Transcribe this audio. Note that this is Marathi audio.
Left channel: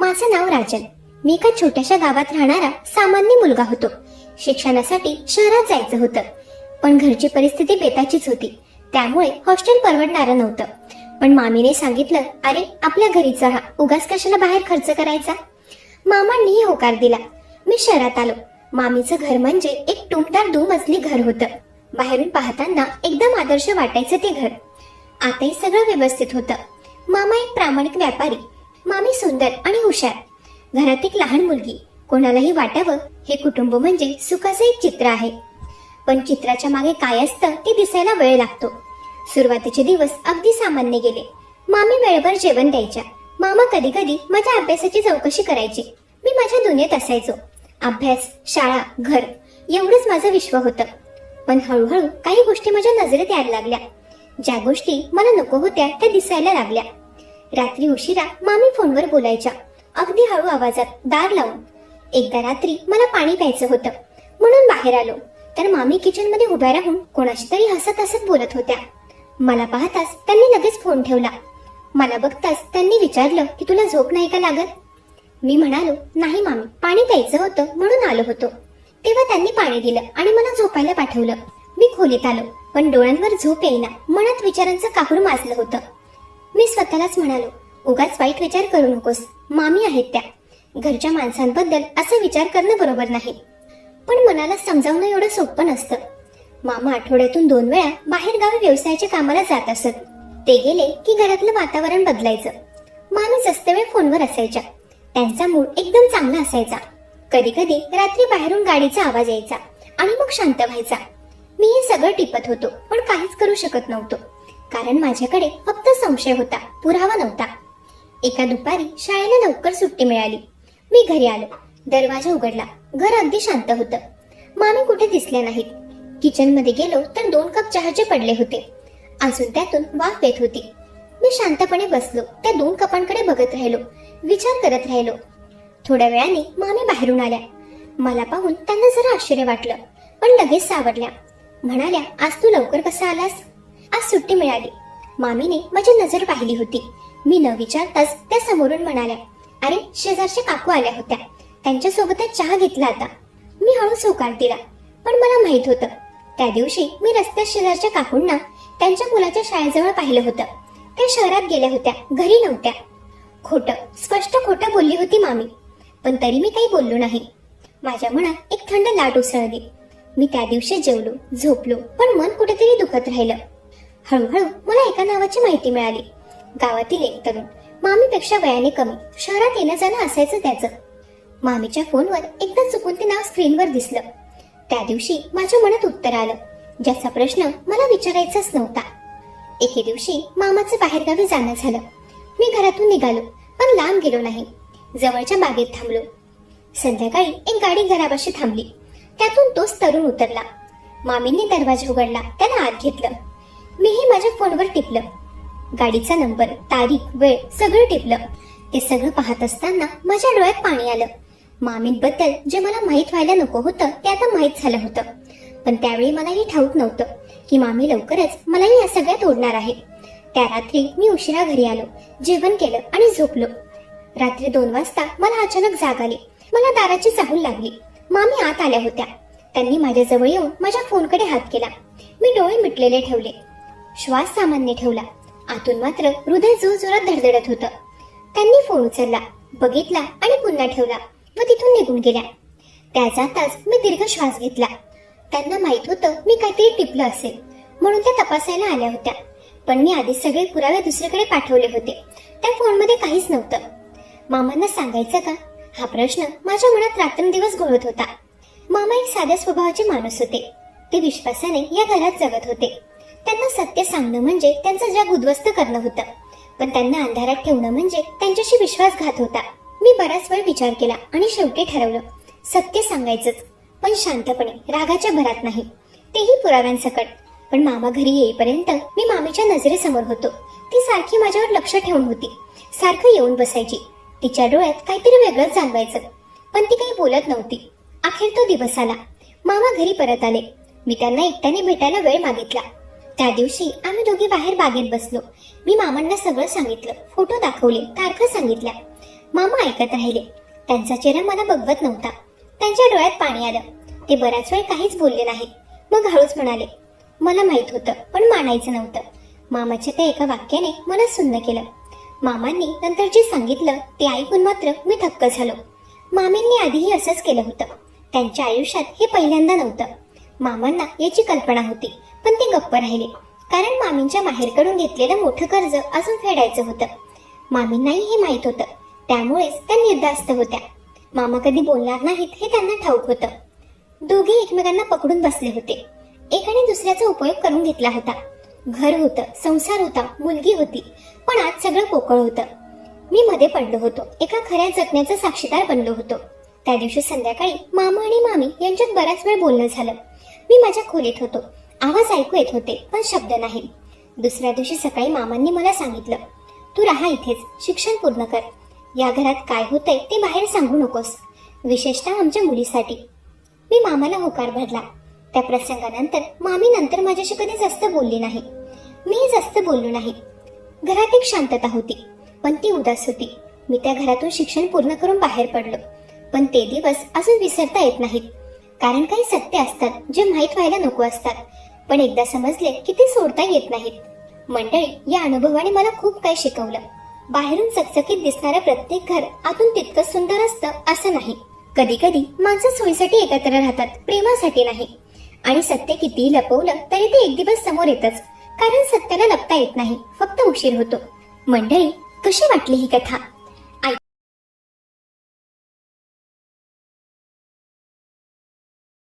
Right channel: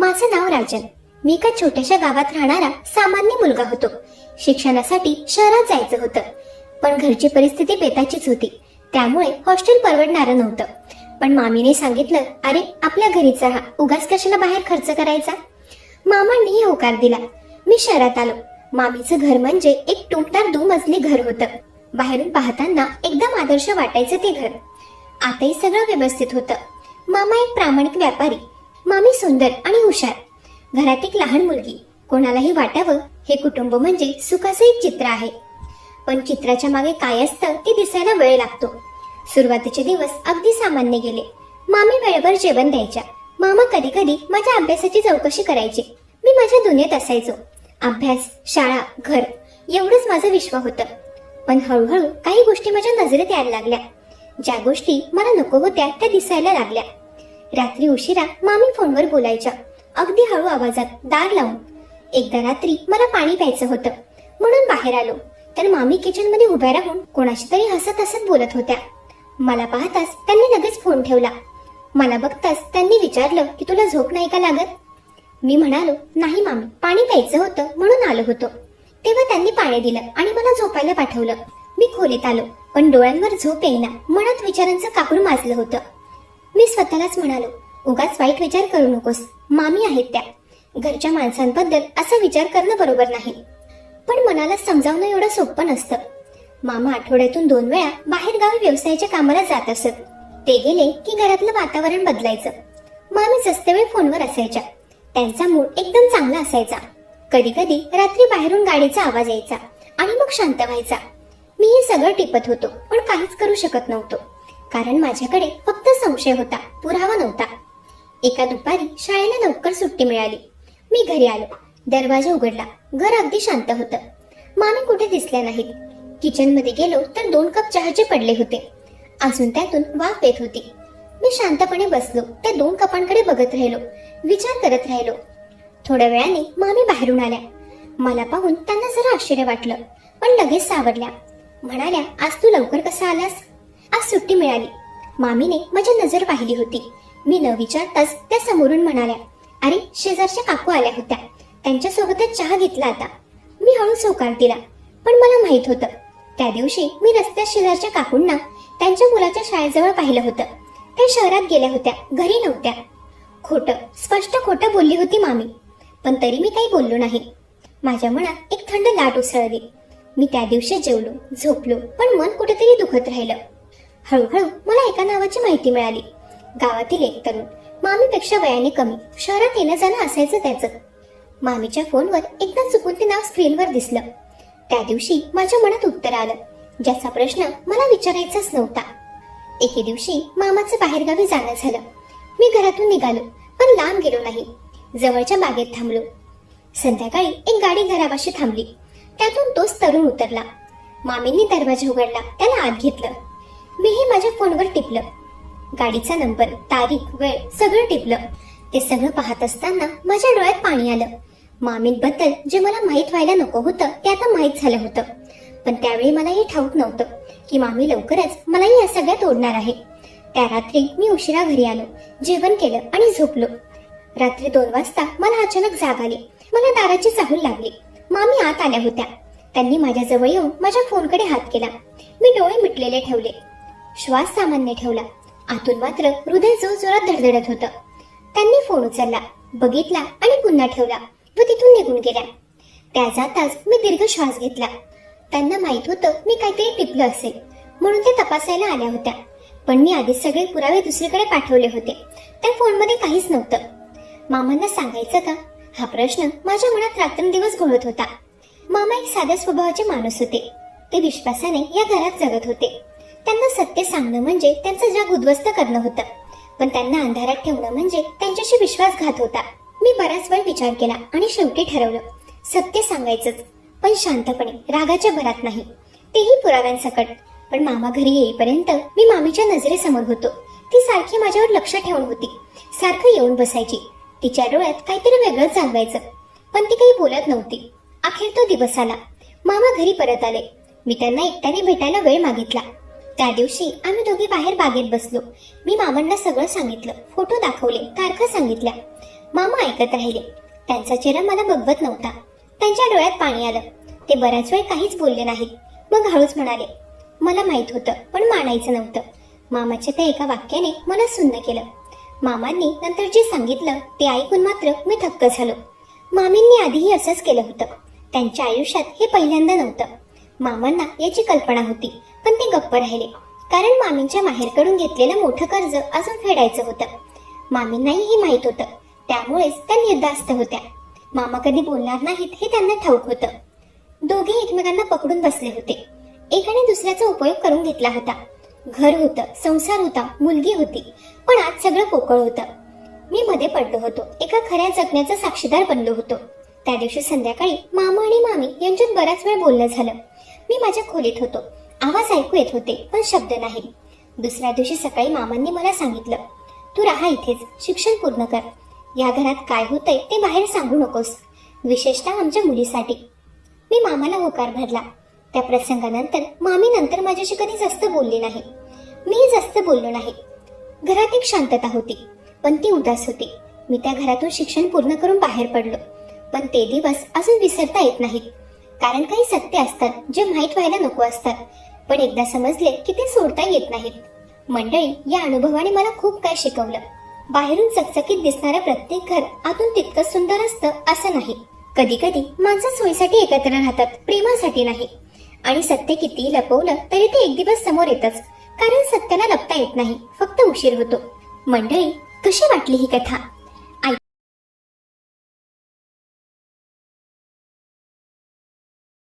माझं नाव राजन. मी एका छोट्याशा गावात राहणारा सामान्य मुलगा होतो. शिक्षणासाठी शहरात जायचं होतं, पण घरची परिस्थिती बेताचीच होती. त्यामुळे हॉस्टेल परवडणारं नव्हतं. पण मामीने सांगितलं, अरे आपल्या घरीच राहा, उगाच कशाला बाहेर खर्च करायचा. मामांनीही होकार दिला. मी शहरात आलो. मामीचं घर म्हणजे एक टुमदार 2 मजली घर होतं. बाहेरून पाहताना एकदम आदर्श वाटायचं ते घर. आताही सगळं व्यवस्थित होतं. मामा एक प्रामाणिक व्यापारी, मामी सुंदर आणि हुशार. घरात एक लहान मुलगी. कोणालाही वाटावं हे कुटुंब म्हणजे सुखाचं एक चित्र आहे. पण चित्राच्या मागे काय असतं ते दिसायला वेळ लागतो. सुरुवातीचे दिवस अगदी सामान्य गेले. मामी वेळेवर जेवण द्यायच्या. मामा कधी कधी माझ्या अभ्यासाची चौकशी करायचे. मी माझ्या दुनियेत असायचो. अभ्यास, शाळा, घर एवढंच माझं विश्व होतं. पण हळूहळू काही गोष्टी माझ्या नजरेत यायला लागल्या. ज्या गोष्टी मला नको होत्या त्या दिसायला लागल्या. रात्री उशिरा मामी फोनवर बोलायच्या, अगदी हळू आवाजात, दार लावून. एकदा रात्री मला पाणी प्यायचं होतं म्हणून बाहेर आलो, तर मामी किचन मध्ये उभ्या राहून कोणाशी तरी हसत हसत बोलत होत्या. मला पाहताच त्यांनी लगेच फोन ठेवला. मला बघताच त्यांनी विचारलं की तुला झोप नाही का लागत. मी म्हणालो, नाही मामी, पाणी प्यायचं होतं म्हणून आलो होतो. तेव्हा त्यांनी पाणी दिलं आणि मला झोपायला पाठवलं. मी खोलीत आलो, पण डोळ्यांवर झोप येईना. मनात विचारांचं काकडू माजलं होतं. मी स्वतःलाच म्हणालो, उगाच वाईट विचार करू नकोस, मामी आहेत त्या. घरच्या माणसांबद्दल असा विचार करणं बरोबर नाही. पण मनाला समजावणं एवढं सोपं नसतं. मामा आठवड्यातून 2 वेळा बाहेर गावी व्यवसायाच्या कामाला जात असत. ते गेले की घरातलं वातावरण बदलायचं. मामी जास्त वेळ फोनवर असायच्या. त्यांचा मूड एकदम चांगला असायचा. कधी कधी रात्री बाहेरून गाडीचा आवाज यायचा आणि मग शांत व्हायचा. मी हे सगळं टिपत होतो, पण काहीच करू शकत नव्हतो, कारण माझ्याकडे फक्त संशय होता, पुरावा नव्हता. एका दुपारी शाळेला लवकर सुट्टी मिळाली. मी घरी आलो. दरवाजा उघडला. घर अगदी शांत होतं. मामी कुठे दिसल्या नाहीत. किचन मध्ये गेलो तर 2 कप चहाचे पडले होते. अजून त्यातून वाफ येत होती. मी शांतपणे बसलो. त्या 2 कपांकडे बघत राहिलो, विचार करत राहिलो. थोड्या वेळाने मामी बाहेरून आल्या. मला पाहून त्यांना जरा आश्चर्य वाटलं, पण लगेच सावरल्या. म्हणाल्या, आज तू लवकर कसा आलास? आज सुट्टी मिळाली. मामीने माझी नजर पाहिली होती. मी न विचारताच त्या समोरून म्हणाल्या, अरे शेजारच्या काकू आल्या होत्या, त्यांच्या सोबतच चहा घेतला आता. मी हळूच होकार दिला, पण मला माहित होतं त्या दिवशी मी रस्त्यात शेजारच्या काकूंना त्यांच्या मुलाच्या शाळेजवळ पाहिलं होतं. त्या शहरात गेल्या होत्या, घरी नव्हत्या. खोटं, स्पष्ट खोटं बोलली होती मामी, पण तरी मी काही बोललो नाही. माझ्या मनात एक थंड लाट उसळली. मी त्या दिवशी जेवलो, झोपलो, पण मन कुठेतरी दुखत राहिलं. हळूहळू मला एका नावाची माहिती मिळाली. गावातील एक तरुण, मामीपेक्षा वयाने कमी, शहरात येणं जाणं असायचं त्याचं. मामीच्या फोनवर एकदा चुकून ते नाव स्क्रीनवर दिसलं. त्या दिवशी माझ्या मनात उत्तर आलं, ज्याचा प्रश्न मला विचारायचाच नव्हता. एके दिवशी मामाचं बाहेरगावी जाणं झालं. मी घरातून निघालो, पण लांब गेलो नाही. जवळच्या बागेत थांबलो. संध्याकाळी एक गाडी घरापाशी थांबली. त्यातून तोच तरुण उतरला. मामींनी दरवाजा उघडला, त्याला आत घेतलं. मीही माझ्या फोनवर टिपलं. गाडीचा नंबर, तारीख, वेळ सगळं टिपलं. ते सगळं पाहत असताना माझ्या डोळ्यात पाणी आलं. मामींबद्दल जे मला माहीत व्हायला नको होतं ते आता माहीत झालं होतं. पण त्यावेळी मला हे ठाऊक नव्हतं की मामी लवकरच मलाही या सगळ्यात ओढणार आहे. त्या रात्री मी उशिरा घरी आलो, जेवण केलं आणि झोपलो. रात्री 2 वाजता मला अचानक जाग आली. मला दाराची चाहूल लागली. मामी आत आल्या होत्या. त्यांनी माझ्या जवळ येऊन माझ्या फोनकडे हात केला. मी डोळे मिटलेले ठेवले, श्वास सामान्य ठेवला. आतून मात्र हृदय जोरजोरात धडधडत होतं. त्यांनी फोन उचलला, बघितला आणि पुन्हा ठेवला व तिथून निघून गेल्या. त्या जाताच मी दीर्घ श्वास घेतला. त्यांना माहित होतं मी काहीतरी टिपलं असेल, म्हणून त्या तपासायला आल्या होत्या. पण मी आधीच सगळे पुरावे दुसरीकडे पाठवले होते. त्या फोनमध्ये काहीच नव्हतं. मामांना सांगायचं का, हा प्रश्न माझ्या मनात रात्रंदिवस घोळत होता. मामा एक साध्या स्वभावाचे माणूस होते. ते विश्वासाने या घरात जगत होते. त्यांना सत्य सांगणं म्हणजे त्यांचं जग उद्ध्वस्त करणं होतं, पण त्यांना अंधारात ठेवणं म्हणजे त्यांच्याशी विश्वासघात होता. मी बराच वेळ विचार केला आणि शेवटी ठरवलं, सत्य सांगायचंच, पण शांतपणे, रागाच्या भरात नाही, तेही पुराव्यांसकट. पण मामा घरी येईपर्यंत मी मामीच्या नजरेसमोर होतो. ती सारखी माझ्यावर लक्ष ठेवून होती. सारखं येऊन बसायची. तिच्या डोळ्यात काहीतरी वेगळंच जाणवायचं, पण ती काही बोलत नव्हती. अखेर तो दिवस आला. मामा घरी परत आले. मी त्यांना एकट्याने भेटायला वेळ मागितला. त्या दिवशी आम्ही दोघे बाहेर बागेत बसलो. मी मामांना सगळं सांगितलं, फोटो दाखवले, तारखा सांगितल्या. मामा ऐकत राहिले. त्यांचा चेहरा मला बघवत नव्हता. त्यांच्या डोळ्यात पाणी आलं. ते बराच वेळ काहीच बोलले नाहीत. मग हळूच म्हणाले, मला माहित होतं पण मानायचं नव्हतं. मामाच्या त्या एका वाक्याने मला सुन्न केलं. मामांनी नंतर जे सांगितलं ते ऐकून मात्र मी थक्क झालो. मामींनी आधीही असंच केलं होतं. त्यांच्या आयुष्यात हे पहिल्यांदा नव्हतं. मामांना याची कल्पना होती, पण ते गप्प राहिले, कारण मामींच्या माहेरकडून घेतलेलं मोठं कर्ज अजून फेडायचं होतं. मामींनाही हे माहित होतं, त्यामुळेच त्या निर्धास्त होत्या. मामा कधी बोलणार नाहीत हे त्यांना ठाऊक होतं. दोघे एकमेकांना पकडून बसले होते. एकाने दुसऱ्याचा उपयोग करून घेतला होता. घर होतं, संसार होता, मुलगी होती, पण आज सगळं पोकळ होतं. मी मध्ये पडलो होतो. एका खऱ्या जखमेचा साक्षीदार बनलो होतो. त्या दिवशी संध्याकाळी मामा आणि मामी यांच्यात बराच वेळ बोलणं झालं. मी माझ्या खोलीत होतो. आवाज ऐकू येत होते, पण शब्द नाही. दुसऱ्या दिवशी सकाळी मामांनी मला सांगितलं, तू राहा इथेच, शिक्षण पूर्ण कर. या घरात काय होतंय ते बाहेर सांगू नकोस, विशेषतः आमच्या मुलीसाठी. मी मामाला होकार भरला. त्या प्रसंगानंतर मामी नंतर माझ्याशी कधी जास्त बोलली नाही. मीही जास्त बोललो नाही. घरात एक शांतता होती, पण ती उदास होती. मी त्या घरातून शिक्षण पूर्ण करून बाहेर पडलो, पण ते दिवस अजून विसरता येत नाहीत. कारण काही सत्य असतात जे माहीत व्हायला नको असतात, पण एकदा समजले की ते सोडता येत नाहीत. मंडळी, या अनुभवाने मला खूप काही शिकवलं. बाहेरून चकचकीत दिसणारं प्रत्येक घर आतून तितकंच सुंदर असतं असं नाही. कधी कधी माणसं सोयीसाठी एकत्र राहतात, प्रेमासाठी नाही. आणि सत्य कितीही लपवलं तरी ते एक दिवस समोर येतच, कारण सत्याला लपता येत नाही, फक्त उशीर होतो. मंडळी, कशी वाटली ही कथा?